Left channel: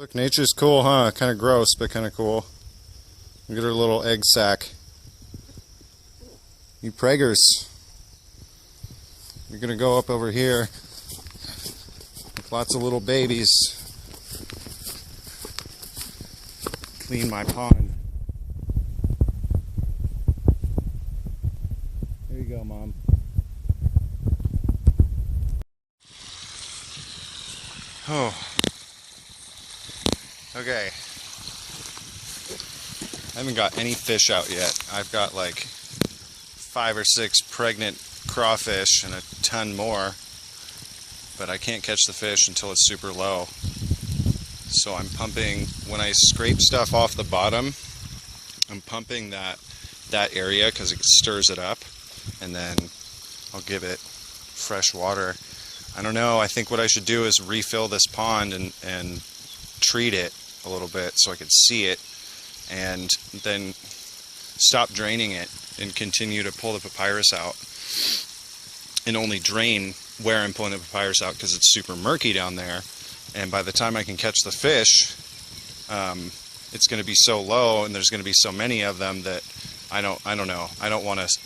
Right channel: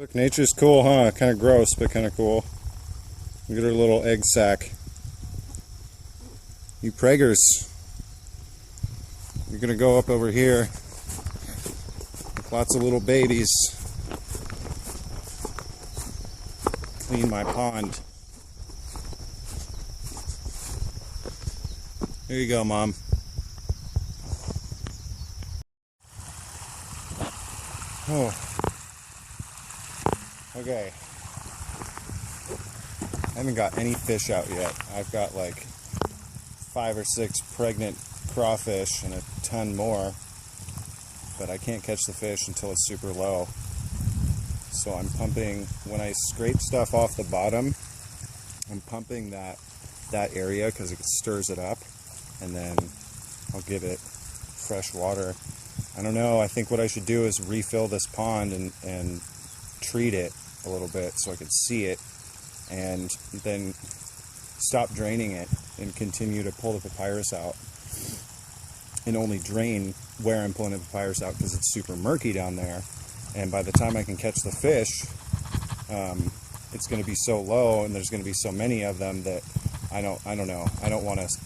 Look, nature's cool, huh? Kind of gross, but kind of cool. Look at her little egg sac. You preggers. We're gonna go up over here with lots of little babies. Clean my pond. Here you go, Mom. Oh. Okay. I haven't got any fish out yet. I've got like 5 or 6 pregnant crawfish and a ton more, but I can't catch the fish until it's super low. So I'm pumping, when I scrape stuff off the bottom, I'm pumping that area because it stirs it up, and then I'll give it fresh water. I don't know, I think what I should do is refill this pond and treat it a little bit so I could see it, and then stop draining it and continue to pull the papyrus out, and only drain where I'm pulling the papyrus out because it's super murky down there. And by the time I can catch the fish, it's going to be so low and there's going to be so many of them that I don't know. I don't want to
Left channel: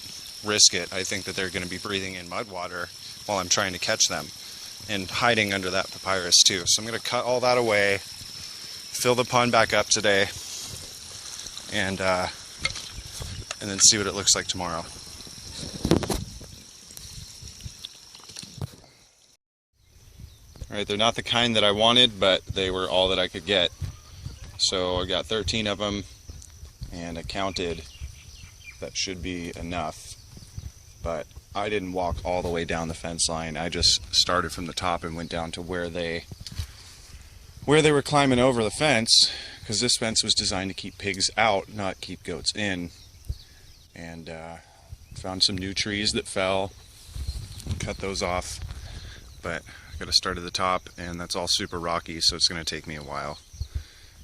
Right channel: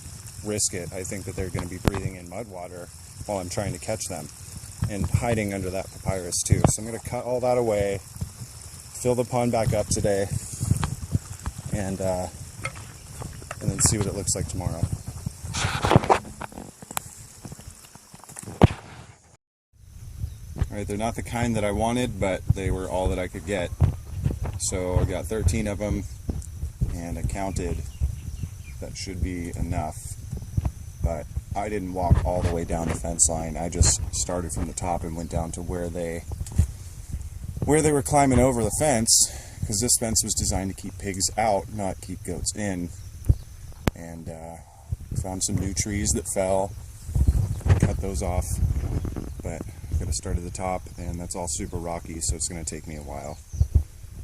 risk it. I think that they're going to be breathing in mud water while I'm trying to catch them and hiding under that papyrus too. So I'm going to cut all that away, fill the pond back up today, and then see what it looks like tomorrow. Alright, they're not the kind that I wanted, but they were all that I could get. So I got 13 of them, and I counted. That should be enough. But I didn't walk all the way down the fence line. I just started from the top and went down to where they were climbing over the fence, because this fence was designed to keep pigs out, not keep goats in. And found some new trees that fell, cut those off, but I gotta start at the top, and that's all super rocky, so it's gonna take me a while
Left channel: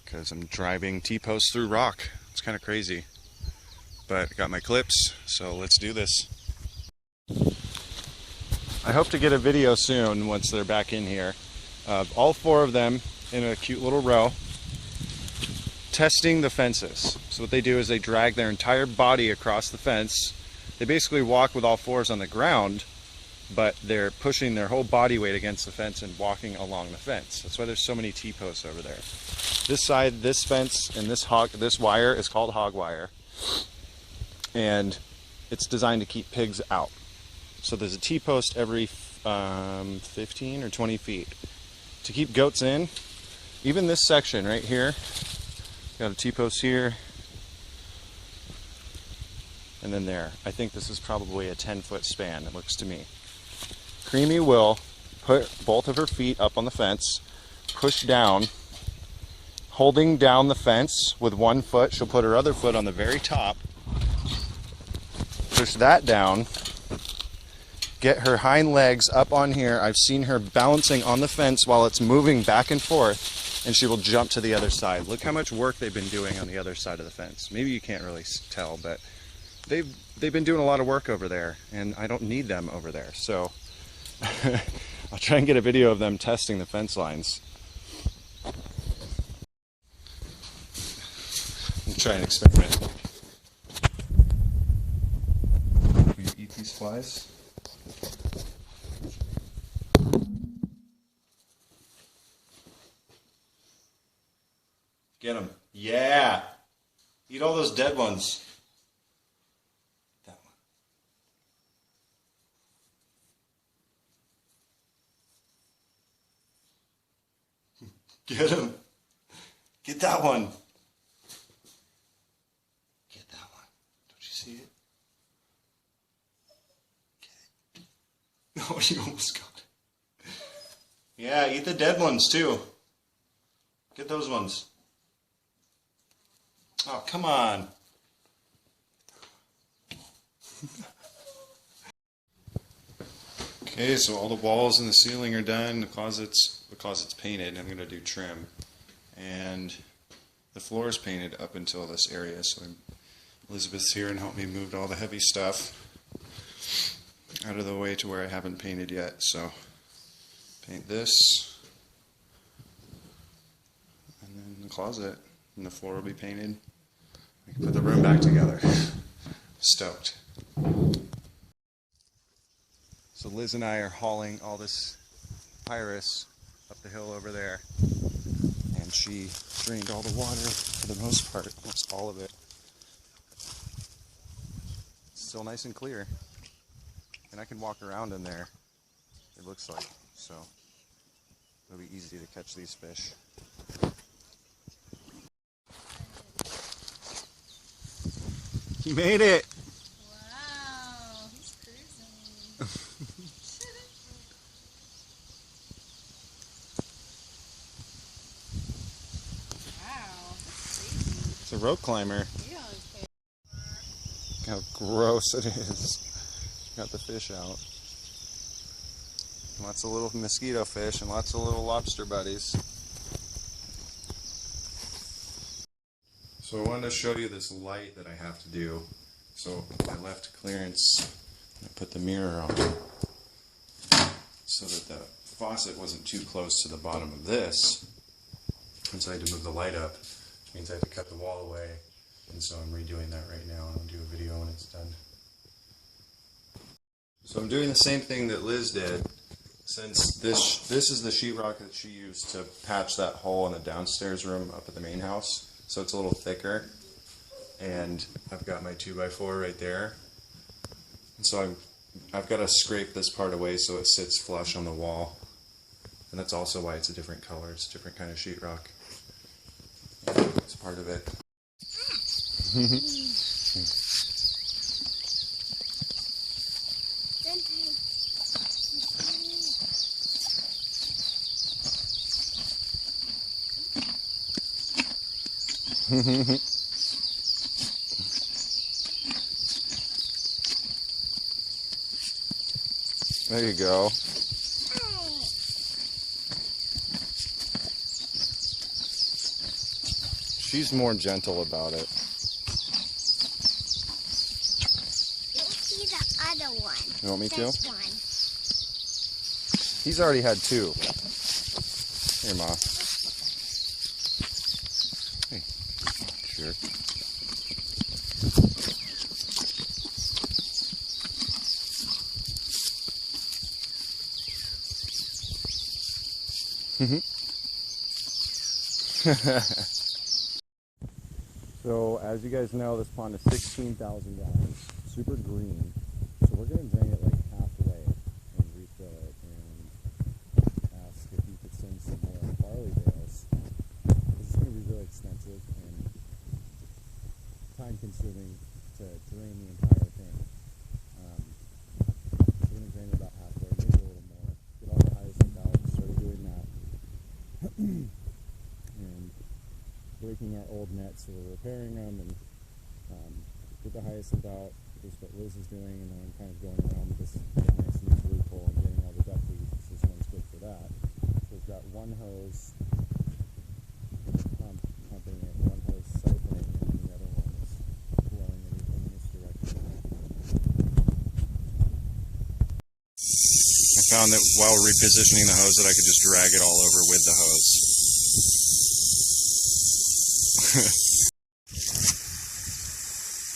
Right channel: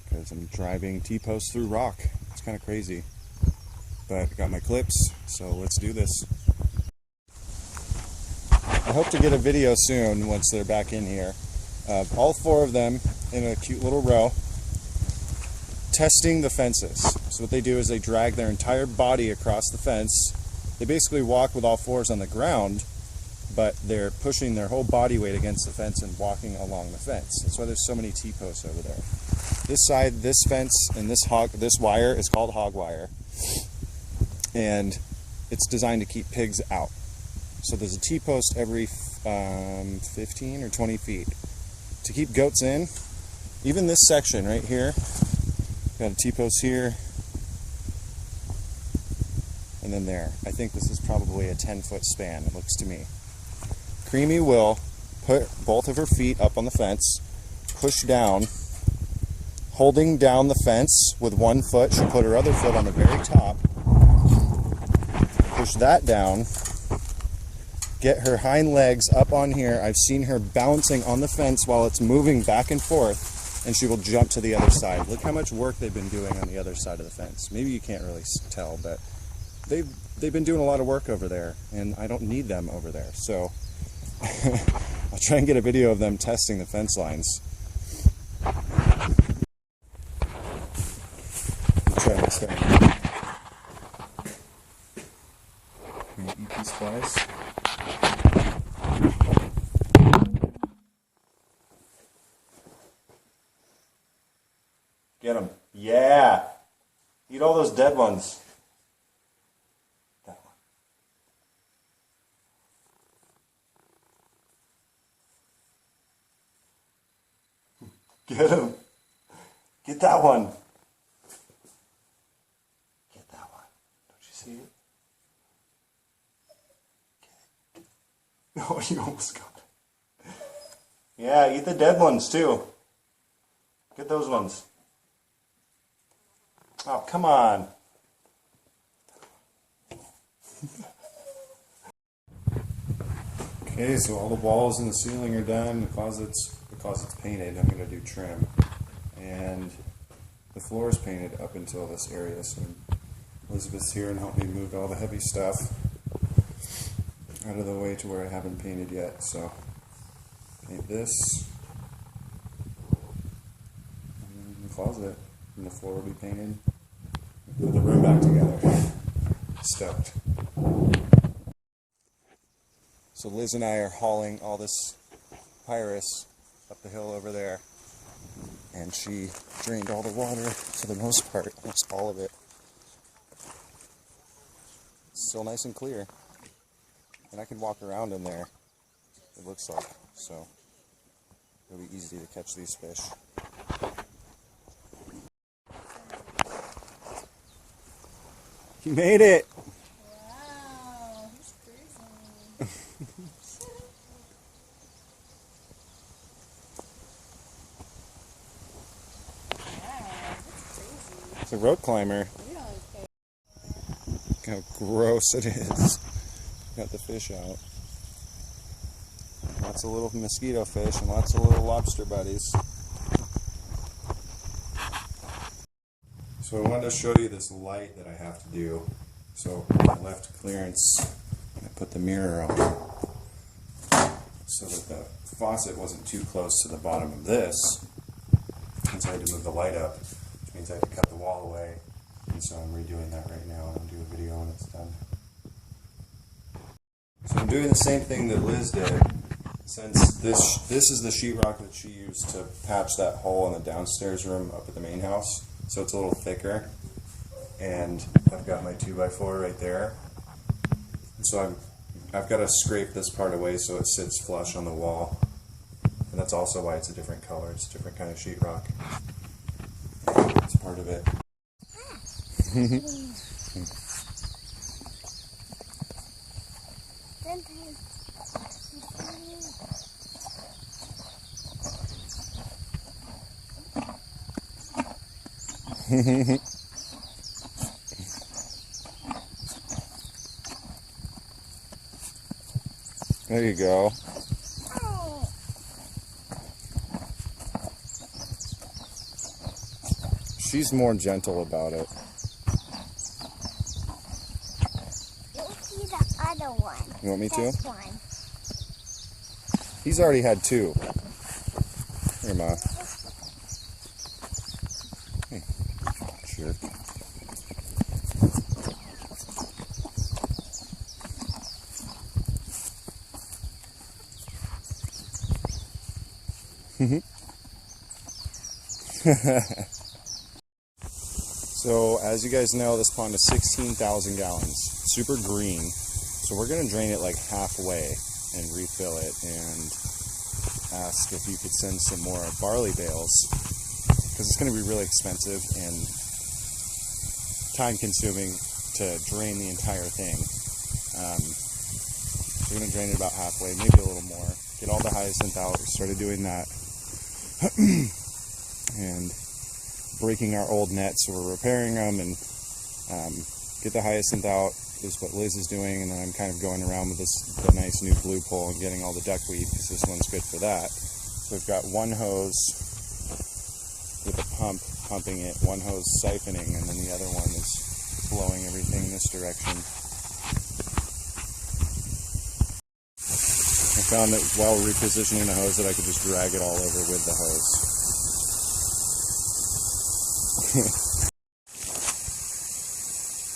because I'm driving T-posts through rock. It's kind of crazy, but I got my clips, so let's do this. I hope to get a video soon once they're back in here. All 4 of them in a cute little row, testing the fences. So what they do is they drag their entire body across the fence. They basically walk with all 4s on the ground, but they're pushing their whole body weight against the fence and walking along the fence. That's why there's so many T-posts over there. This side, this fence, and this wire is called hog wire, and it's designed to keep pigs out. So there's a T-post every 15 or 20 feet to keep goats in. Even this section right here, got a T-post here, and then there. I think this is probably a 10-foot span, it looks to me. Creamy will put both of her feet up on the fence, push down, holding down the fence with one foot. She'll put her other foot on the very top, push that down, get her hind legs up on here. I've seen her balancing on the fence while it's moving back and forth, and she will jump to the other side. Look how much work they've been doing on the other side of the fence. Maybe you can't really tell, but they've been doing a lot of work over there, and I don't need them over there. So I'll try and get a video of them testing the fence lines. I'll try and experiment. Will you eat these flies? Get them. Yeah! Eat all those dead ones. That one. Get him. Get that one. Get that one. Don't you see it? Get it. Oh, you almost got it. Yeah, eat the dead ones too. Get those ones. Oh, come on. Okay, so all the walls and the ceiling are done. The closet's painted. I'm going to do trim. And the floor is painted up until this area. So Elizabeth's here and helped me move all the heavy stuff out of the way to where I haven't painted yet. So paint this. closet, and the floor will be painted. Put the room back together. Stoked. So Liz and I are hauling all this pyrus up the hill over there, and she drained all the water for the most part, almost all of it. It's still nice and clear, and I can walk around in there, it looks like, so it'll be easy to catch these fish. You made it! Wow, he's cruising. Wow, that's crazy. It's a rope climber. You don't care. Look how gross it is. Got the fish out. Lots of little mosquito fish and lots of little lobster buddies. So I wanted to show you this light that I have to do. So I left clearance, I put the mirror on so that the faucet wasn't too close to the bottom of this. And so I had to move the light up, which means I have to cut the wall away. And so I'm redoing that right now, and I'll do a video when it's done. So I'm doing the same thing that Liz did. Since this is the sheetrock that she used to patch that hole in the downstairs room up at the main house. So it's a little thicker, and I've got my 2x4 right there, and so I've got to scrape this part away so it sits flush on the wall, and that's also why it's a different color. It's a different kind of sheetrock. It's part of it. There you go. She's more gentle about it. You'll see the other one. You want me to? This one. He's already had two. Here, Ma. Sure. So, as you guys know, this pond is 16,000 gallons. Super green. So we're going to drain it like halfway and refill it, and ask if you could send some more barley bales, because it's going to be really expensive and time consuming to drain the entire thing. We're going to drain it about halfway, maybe a little more, get all the hyacinth out. We started doing that. And breaking our old nets, so we're repairing them, and get the hyacinth out is what Liz is doing, and then I'm kind of going around with the nice new blue pole and getting all the duckweed, because this one's good for that. So we've got one hose with a pump pumping it, one hose siphoning, and then the other one is blowing everything in this direction. I found that while repositioning the hose that I could just drag it all over with the hose.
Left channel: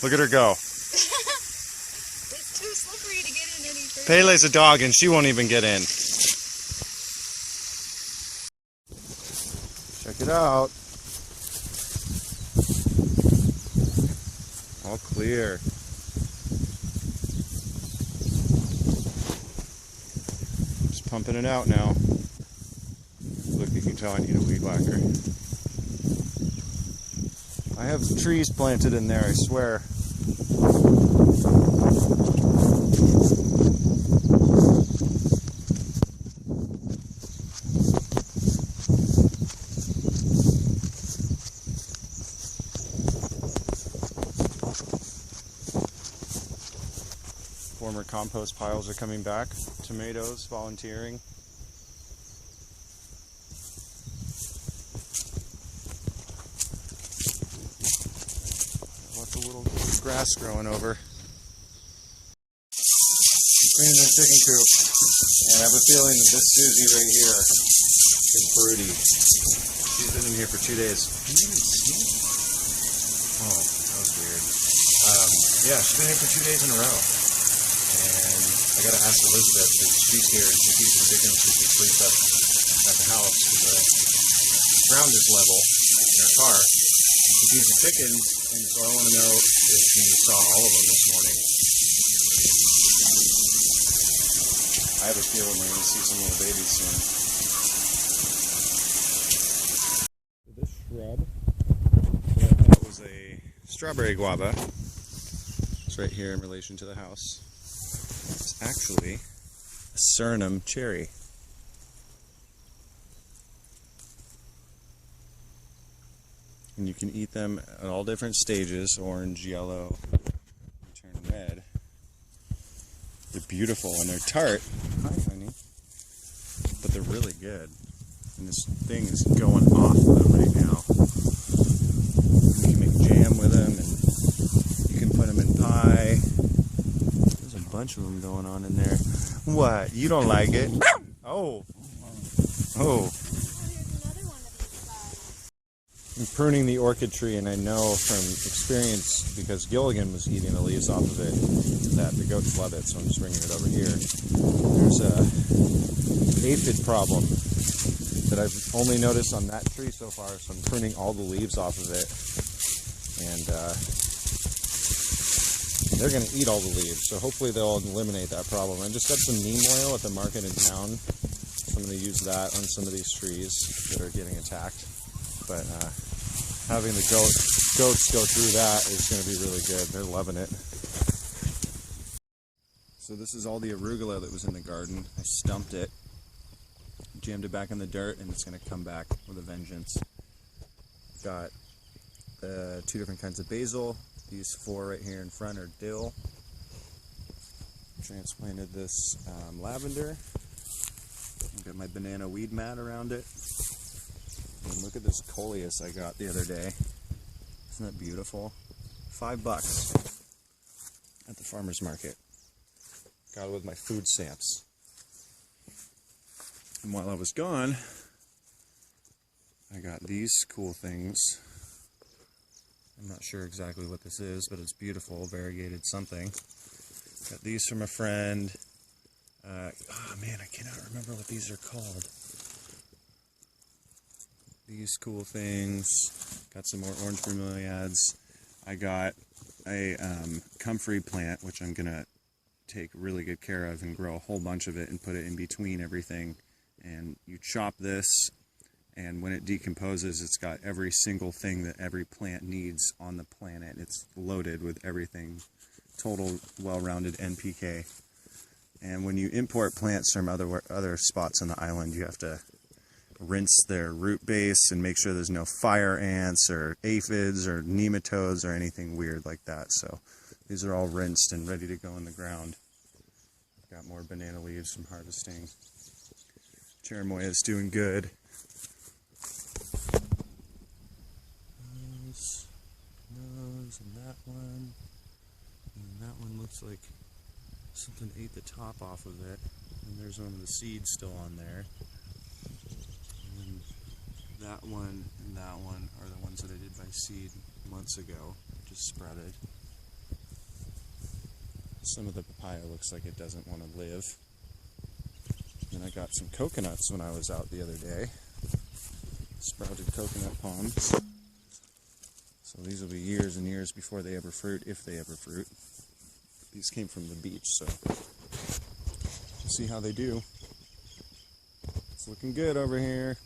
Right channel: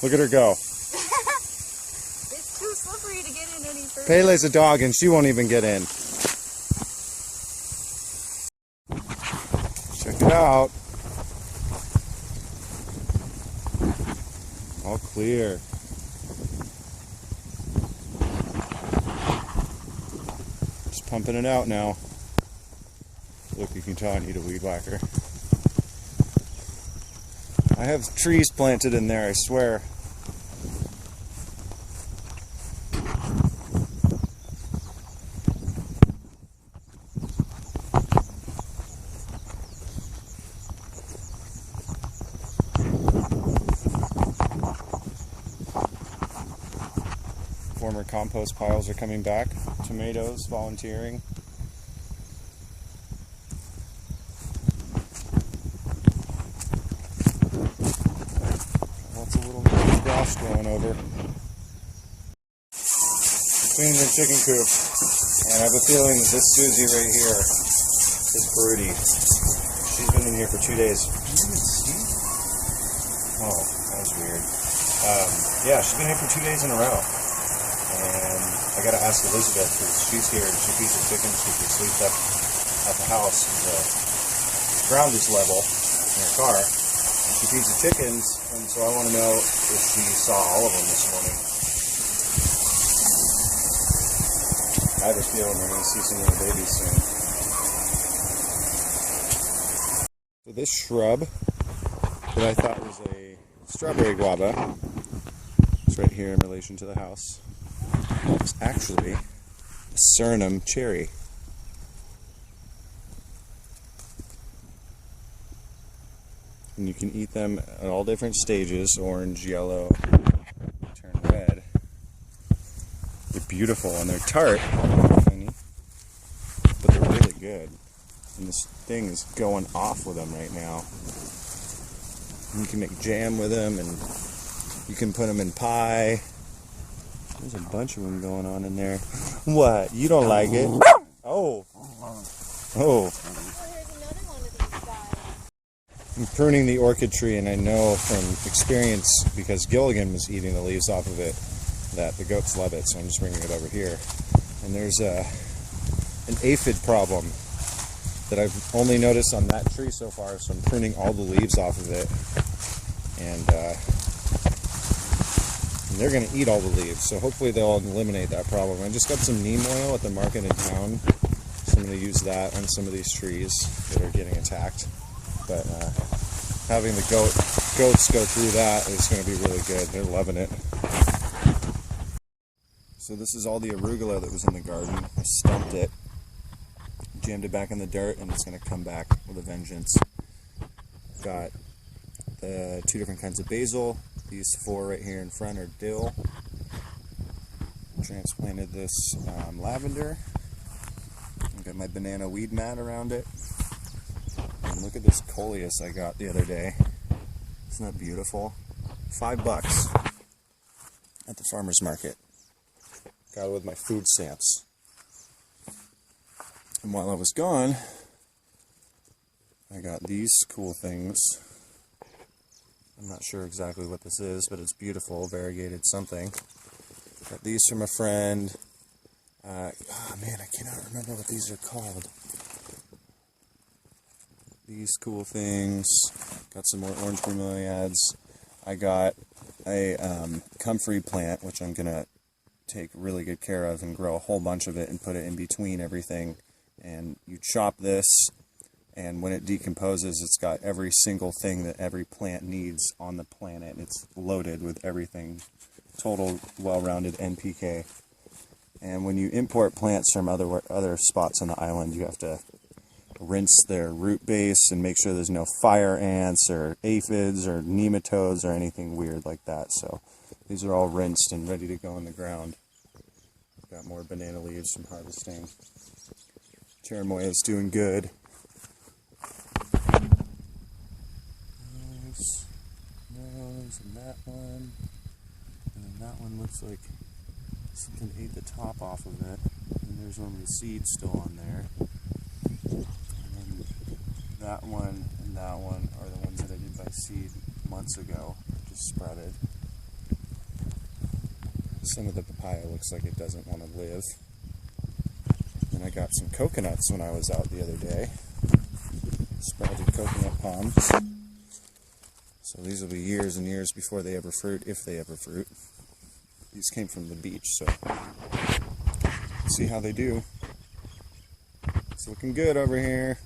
Look at her go. It's too slippery to get in any further. Pele's a dog and she won't even get in. Check it out. All clear. Just pumping it out now. Look, you can tell I need a weed whacker. I have trees planted in there, I swear. Former compost piles are coming back. Tomatoes volunteering. Lots of little grass growing over. Cleaning the chicken coop. And I have a feeling that this Susie right here is broody. She's been been in here for 2 days. Can you even see? Oh, that was weird. Yeah, she's been here for 2 days in a row. And I gotta ask Elizabeth, because she's here and she feeds the chickens because she sleeps up at the house because the ground is level in her car. And she feeds the chickens, and so I want to know if she saw all of them this morning. I have a feeling we're going to see some little babies soon. So this shrub that I thought was a strawberry guava is right here in relation to the house. It's actually a Suriname cherry. And you can eat them at all different stages, orange, yellow, turn red. They're beautiful and they're tart, but they're really good. And this thing is going off with them right now. You can make jam with them and you can put them in pie. There's a bunch of them going on in there. What? You don't like it? Oh. Oh. I'm pruning the orchid tree, and I know from experience, because Gilligan was eating the leaves off of it, that the goats love it, so I'm just bringing it over here. There's an aphid problem that I've only noticed on that tree so far, so I'm pruning all the leaves off of it, and they're going to eat all the leaves, so hopefully they'll eliminate that problem. I just got some neem oil at the market in town, so I'm going to use that on some of these trees that are getting attacked. But having the goats go through that is going to be really good. They're loving it. So this is all the arugula that was in the garden. I stumped it, jammed it back in the dirt, and it's going to come back with a vengeance. Got the 2 different kinds of basil. These 4 right here in front are dill. Transplanted this lavender. I've got my banana weed mat around it. And look at this coleus I got the other day. Isn't that beautiful? $5 at the farmer's market. Got it with my food stamps. And while I was gone, I got these cool things. I'm not sure exactly what this is, but it's beautiful, variegated something. Got these from a friend. Oh man, I cannot remember what these are called. These cool things. Got some more orange bromeliads. I got a comfrey plant, which I'm going to take really good care of and grow a whole bunch of it and put it in between everything. And you chop this, and when it decomposes, it's got every single thing that every plant needs on the planet. It's loaded with everything. Total well-rounded NPK. And when you import plants from other spots on the island, you have to rinse their root base and make sure there's no fire ants or aphids or nematodes or anything weird like that. So these are all rinsed and ready to go in the ground. I've got more banana leaves from harvesting. Cherimoya is doing good. Those and that one. And that one looks like something ate the top off of it. And there's one with the seeds still on there. And that one and that one are the ones that I did by seed months ago. Just sprouted. Some of the papaya looks like it doesn't want to live. And I got some coconuts when I was out the other day. Sprouted coconut palms. So these will be years and years before they ever fruit, if they ever fruit. These came from the beach, so see how they do. It's looking good over here.